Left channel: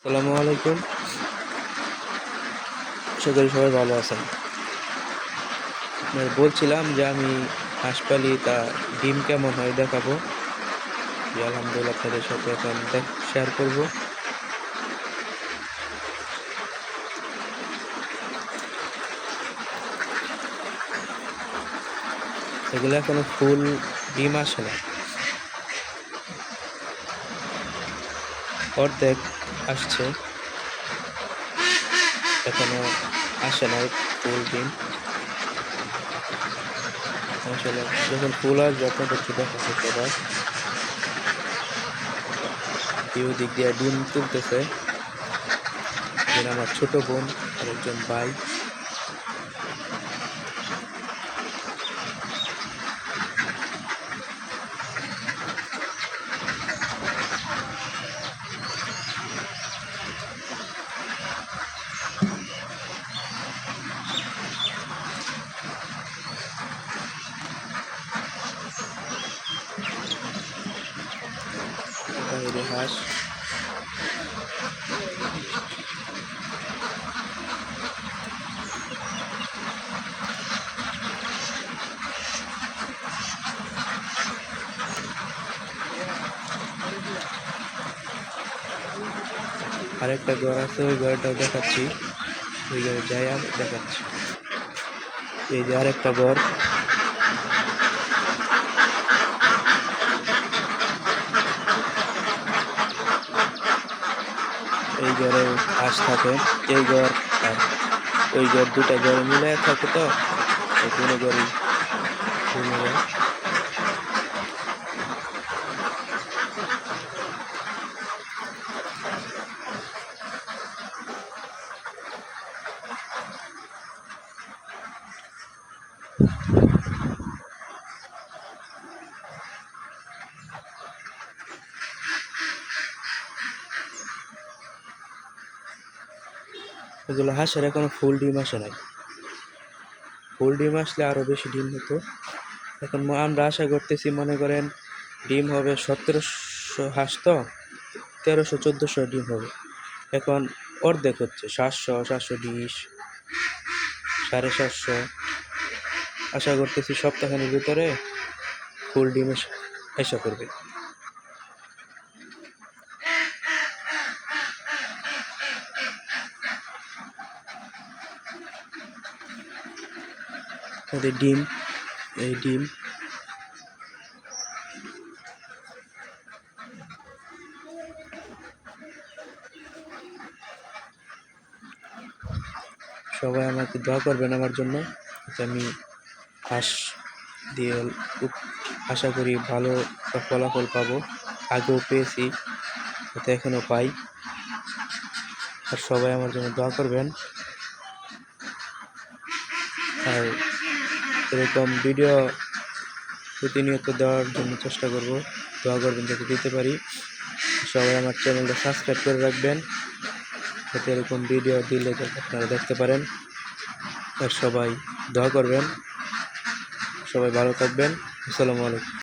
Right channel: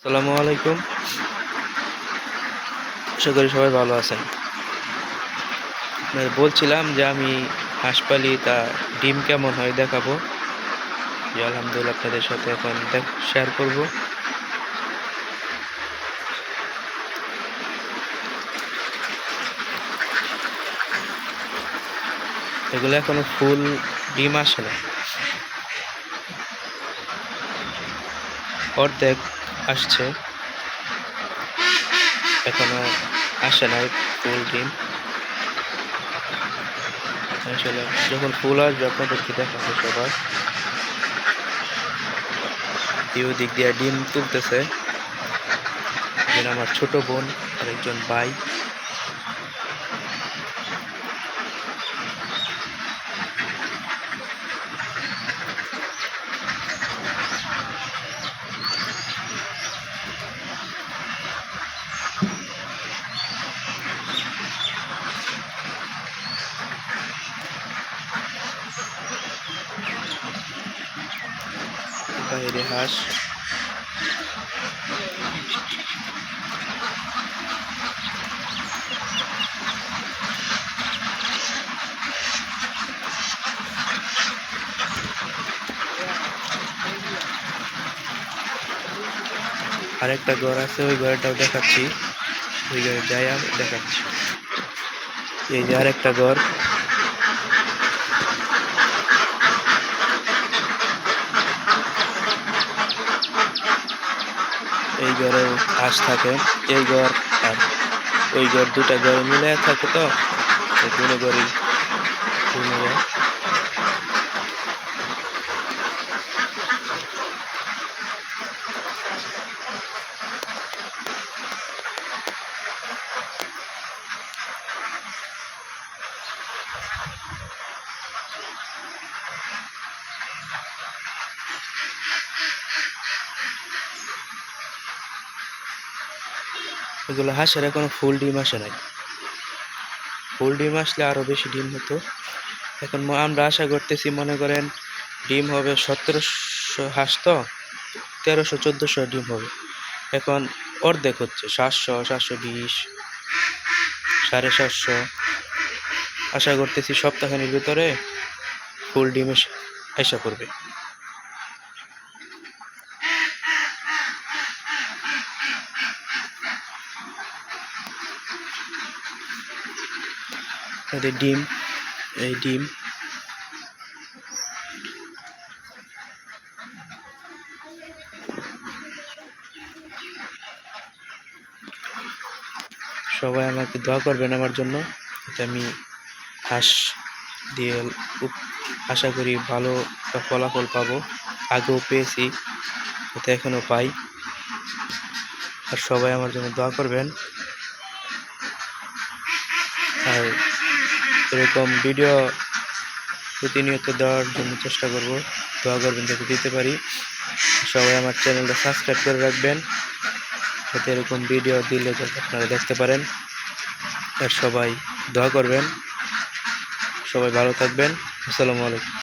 আসসালামু আলাইকুম। আশা করি সবাই ভালো আছেন। আপনাদের বলছিলাম যে আমি হাঁস পালি তা ডিম কেমন হয় দেখাবো। যে আলহামদুলিল্লাহ আপনাদের সাথে এখন শেয়ার করব। এগুলো এখনও ফুল ডিম আসে না। অর্ধেক আসছে। এখনও আসে নাই ফুল ডিম আসলে যখন ফুল আসবে, আপনাদেরকে দেখাচ্ছে সবার। কেউ দিক দিয়ে ডিম তুলতেছে। আমার ছোট বোন আরেকজন ভাই। বাইরে হাঁস আরেকটা ঘর আছে, ওই ঘরটাও দেখাচ্ছি। ওই ঘরে যাই দেখাচ্ছি। এই যে আরেকটা ঘর। এই ঘরেও হাঁস থাকে, এই ঘর আর ওই ঘর দুটা ঘরে মিলে থাকে তো দুটো ঘরেই মিলে এগুলো হাঁসের এখনও ফুল ডিম আসে নাই। ফুল ডিম আসলে আরও বেশি ডিম হতো। এখন আমরা আশা করতেছি, মনে করেন ডিম হবে সতেরোশো হাঁস তো? তেরোশো, চোদ্দোশো ডিম হবে। এখন অর্ধেক হচ্ছে, সাতশো সাতশো বিশ, সাড়ে সাতশো। আশা করতেছি সপ্তাহখানির ভিতরে ফুল ডিম আশা এদের ডিম, এই ডিম। সবাই আমাকে দোয়া করবেন আমার জন্য আমি হাঁস দিয়ে খুব আশা করি ভালো ফলাফল পাবো। আগেও পেয়েছি যাতে এখনও পাই। আর সবাই আমার জন্য দোয়া করবেন। আর এরকম ভিডিও প্রতিনিয়ত দেওয়ার জন্য চেষ্টা করব, দোয়া করবেন যাতে দিতে পারি। সবাই আমার চ্যানেলটা সাবস্ক্রাইব করে রাখবেন, যাতে এরকম ভিডিও দিলে যাতে আপনারা দেখতে পারেন। আর সবাই দোয়া করবেন, সবাই ভালো থাকবেন। আসসালামু আলাইকুম।